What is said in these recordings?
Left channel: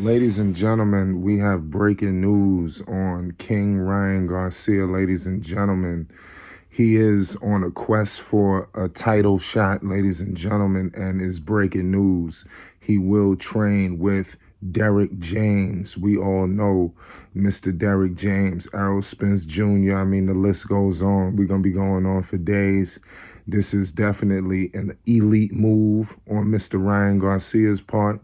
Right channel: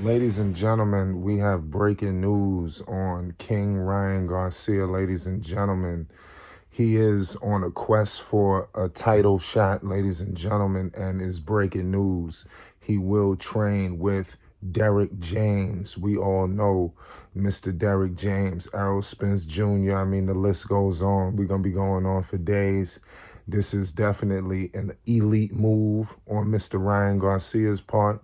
Ladies and gentlemen, we have breaking news on King Ryan Garcia. Ladies and gentlemen, he is on a quest for a title shot, ladies and gentlemen, and is breaking news. He will train with Derrick James. We all know Mr. Derrick James, Errol Spence Jr. I mean, the list goes on. We're going to be going on for days. This is definitely an elite move on Mr. Ryan Garcia's part.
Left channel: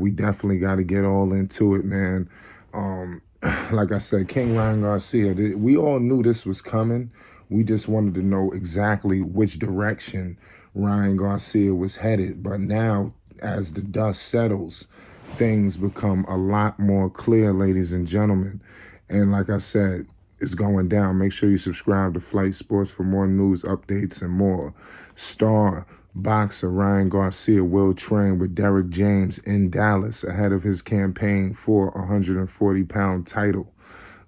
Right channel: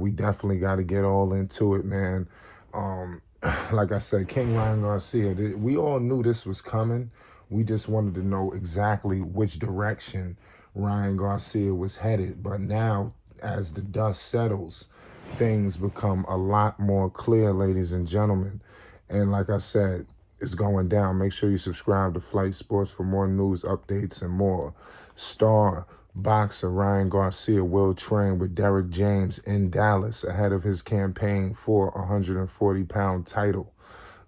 We definitely got to get all into it, man. Um, like I said, King Ryan Garcia, we all knew this was coming. We just wanted to know exactly which direction Ryan Garcia was headed. But now, as the dust settles, things become a lot more clear, ladies and gentlemen. And like I said, it's going down. Make sure you subscribe to Flight Sports for more news, updates, and more. Star boxer Ryan Garcia will train with Derrick James in Dallas ahead of his campaign for a 140-pound title.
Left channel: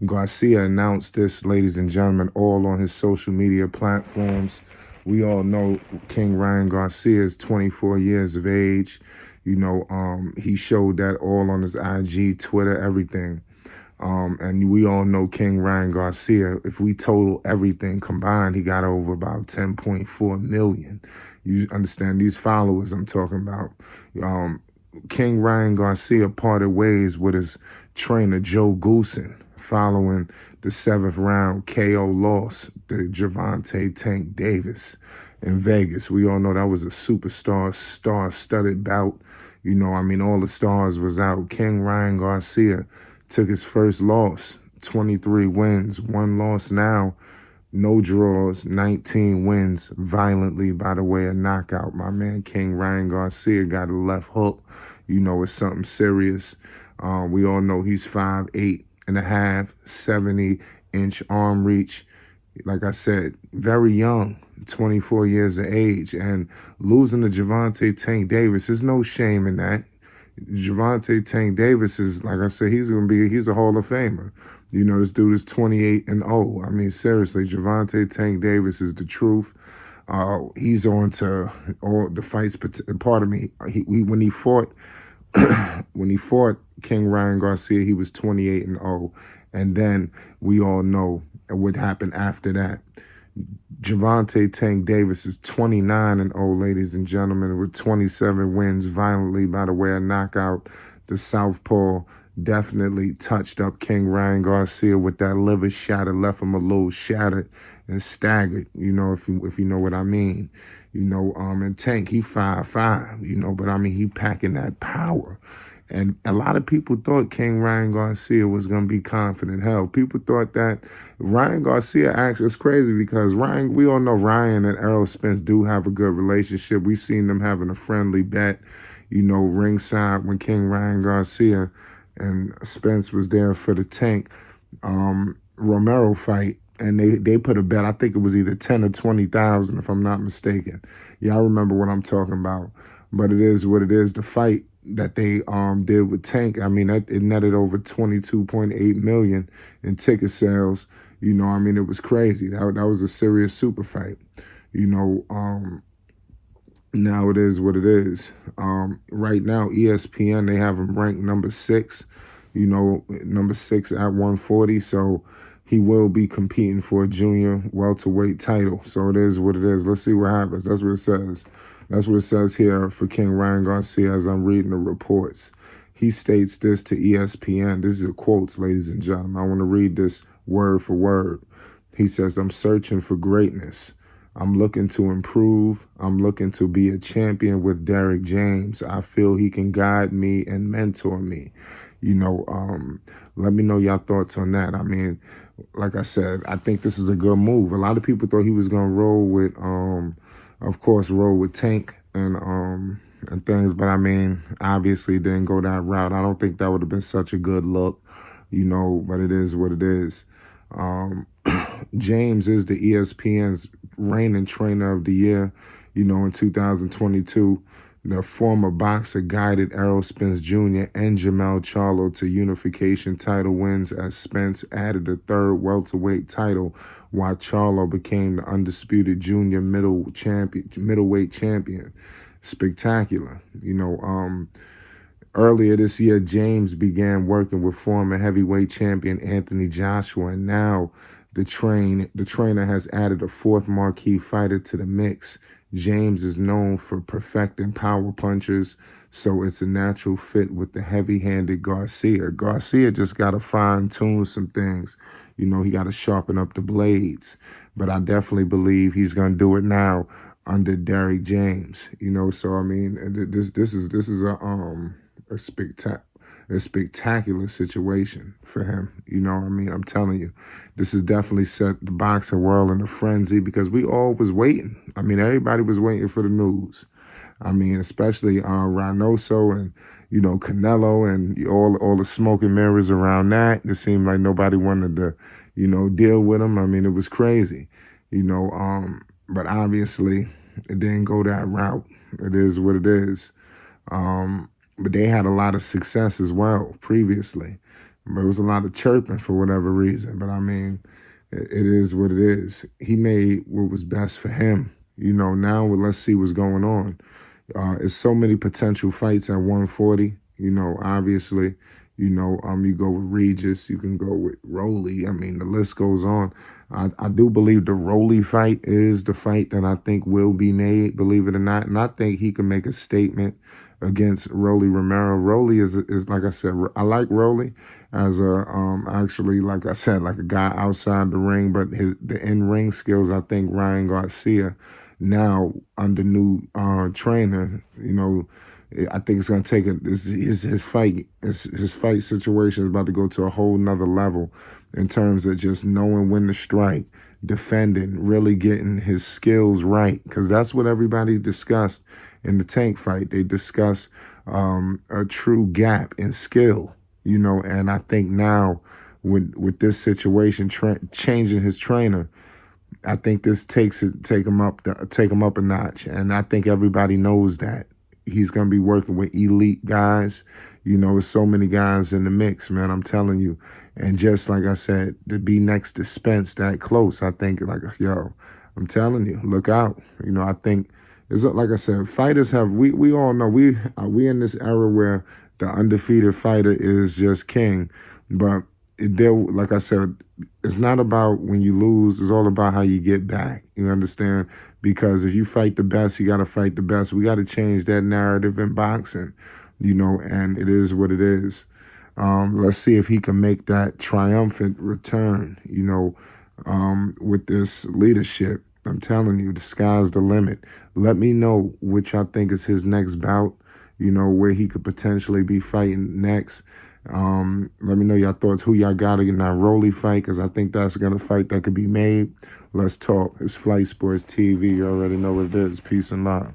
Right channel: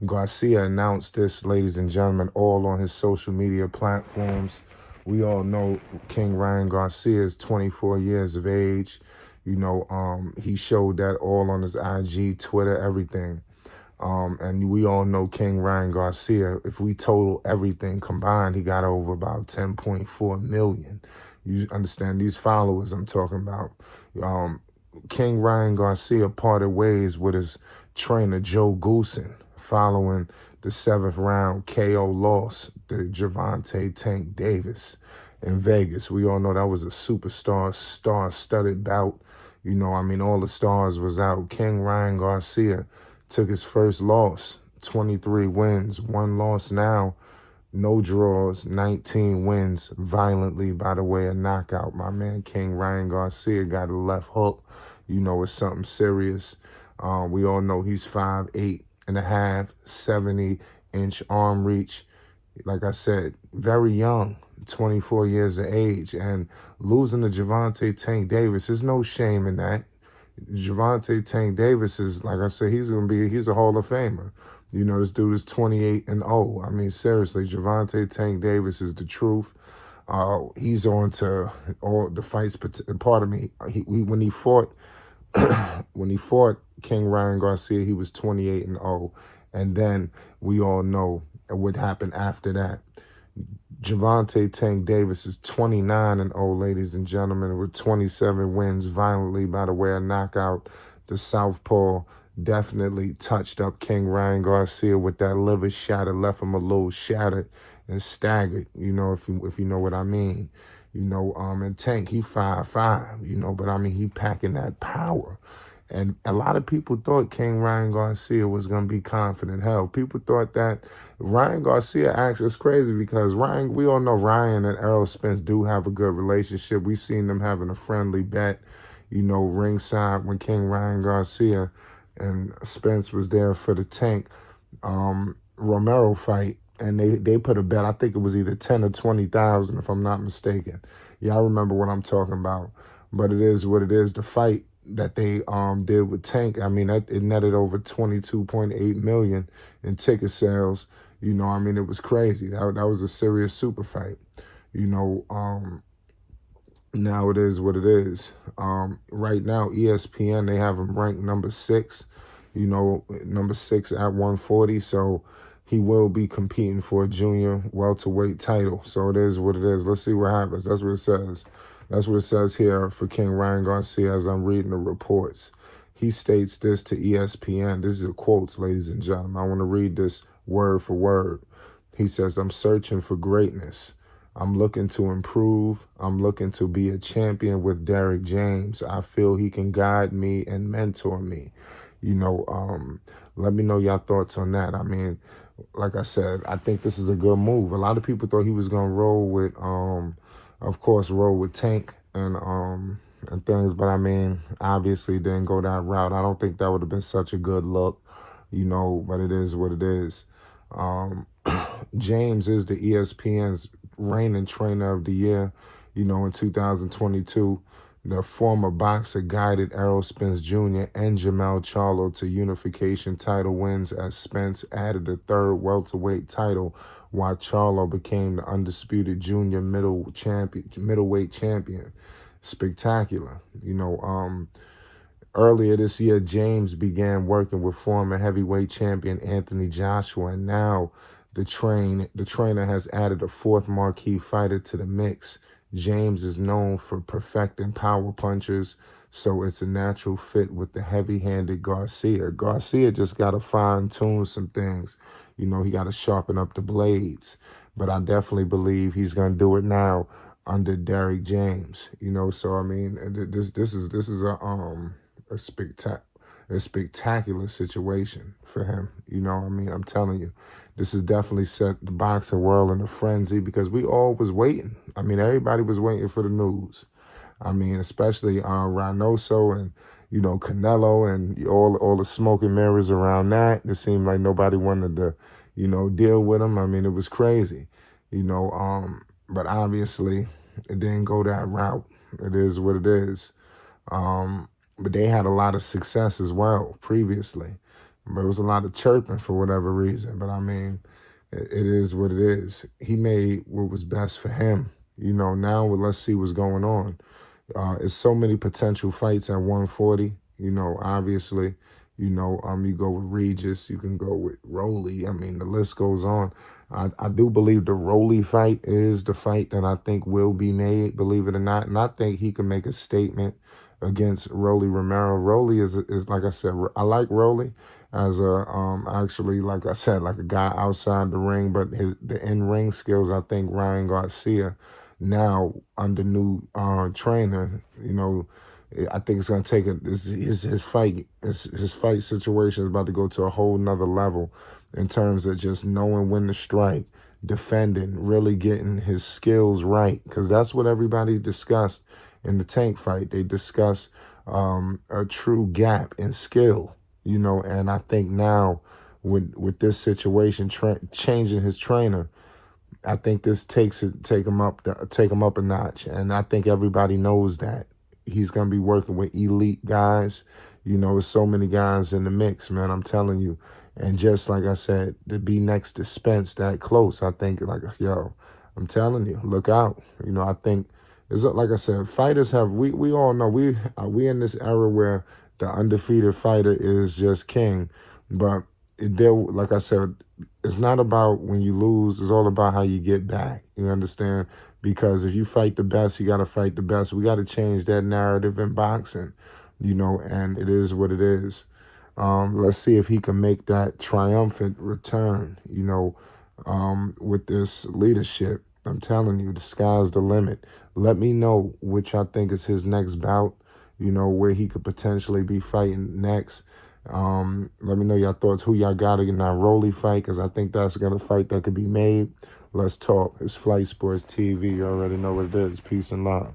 Garcia announced this, ladies and gentlemen, all on his social media platforms. We all know King Ryan Garcia is 24 years of age. He showed that all on his IG, Twitter, everything. And we all know King Ryan Garcia, if we total everything combined, he got over about 10.4 million. You understand these followers I'm talking about. King Ryan Garcia parted ways with his trainer Joe Goosen following the 7th round KO loss to Gervonta Tank Davis in Vegas. We all know that was a superstar, star-studded bout. All the stars was out. King Ryan Garcia took his first loss, 23 wins, 1 loss now, no draws, 19 wins, violently by the way of knockout. My man King Ryan Garcia got a left hook. It's something serious. We all know he's 5'8" and a half, 70-inch arm reach. Like I said, very young, 24 years of age, and losing to Gervonta Tank Davis, there's no shame in that. Gervonta Tank Davis is, like I said, he's a Hall of Famer. This dude is 28-0. I mean, seriously, Gervonta Tank Davis is the truth. He's on to all the fights. Pardon me. When he fought, when he fought King Ryan Garcia, he was 28-0, and then we all know what happened after that. Gervonta Tank Davis is 29-0, ladies and gentlemen, with 27 wins violently by the way of knockout. The southpaw definitely touched up King Ryan Garcia with that liver shot. It left him a little shattered and staggered, if you know what I mean. And Tank, he 5'5", but he packing that power. And a lot of people thought King Ryan Garcia was going to be confident. Hell, people thought that Ryan Garcia actually is crazy because we all know Ryan and Errol Spence do have a good relationship. We've seen them having a friendly bet, ringside when King Ryan Garcia and Spence was there for the Tank Romero fight. And they put a bet, I think it was either 10 or 20,000, if I'm not mistaken. Y'all remember what I'm talking about. But it is what it is. The fight that they did with Tank, it netted over 22.8 million in ticket sales. It was crazy. That was a serious super fight. Now it is what it is. Right now, ESPN, they have him ranked number 6, number 6 at 140. So he will be competing for a junior welterweight title. So it is what it is. Let's see what happens. That's what it says. That's what it says here for King Ryan Garcia as I'm reading the reports. He states this to ESPN. This is a quotes, ladies and gentlemen. I want to read this word for word. He says, I'm searching for greatness. I'm looking to improve. I'm looking to be a champion with Derrick James. I feel he can guide me and mentor me. Let me know your thoughts on that. Like I said, I think this is a good move. A lot of people thought he was going to roll with, of course, roll with Tank and things. But obviously didn't go that route. I don't think that would have been such a good look, but it is what it is. James is the ESPN's reigning trainer of the year, in 2022. The former boxer guided Errol Spence Jr. and Jermell Charlo to unification title wins as Spence added a 3rd welterweight title, while Charlo became the undisputed junior middleweight champion. Spectacular. Earlier this year, James began working with former heavyweight champion Anthony Joshua, and now the trainer has added a fourth marquee fighter to the mix. James is known for perfecting power punchers, so it's a natural fit with the heavy-handed Garcia. Garcia just got to fine-tune some things. You know, he got to sharpen up the blades. But I definitely believe he's going to do it now under Derrick James. You know, so I mean, this is a spectacular situation for him. You know what I mean? I'm telling you, this has definitely set the boxing world in a frenzy because we all was waiting. I mean, everybody was waiting for the news. I mean, especially Reynoso and, you know, Canelo and all the smoke and mirrors around that. It seemed like nobody wanted to, you know, deal with him. I mean, it was crazy, you know, but obviously it didn't go that route. It is what it is. But they had a lot of success as well previously. There was a lot of chirping for whatever reason. But I mean, it is what it is. He made what was best for him. You know, now let's see what's going on. There's so many potential fights at 140. You know, obviously, you know, you go with Regis, you can go with Rolly. I mean, the list goes on. I do believe the Rolly fight is the fight that I think will be made, believe it or not. And I think he can make a statement against Rolly Romero. Rolly is like I said, I like Rolly as a, actually, like I said, like a guy outside the ring, but the in-ring skills, I think Ryan Garcia now under new trainer, you know, I think it's going to take his fight situation is about to go to a whole nother level in terms of just knowing when to strike, defending, really getting his skills right. Because that's what everybody discussed in the Tank fight. They discuss a true gap in skill, you know, and I think now with this situation, changing his trainer, I think this take him up a notch. And I think everybody knows that. He's going to be working with elite guys. You know, there's so many guys in the mix, man, I'm telling you. And just like I said, to be next to Spence that close, I think, like, yo, I'm telling you, look out. You know, I think, it's like I said, fighters have, we all know, we in this era where the undefeated fighter is just king. But like I said, it's not about when you lose, it's all about how you get back. You understand? Because if you fight the best, you got to fight the best. We got to change that narrative in boxing, you know, and it is what it is. Let's see if he can make that triumphant return, you know, with this leadership. I'm telling you, the sky's the limit. Let me know which I think is his next bout, you know, where he could potentially be fighting next. Let me know your thoughts, who y'all got in that Rolly fight, because I think that's going to fight that could be made. Let's talk. It's Flight Sports TV. You already know what it is. Peace and love.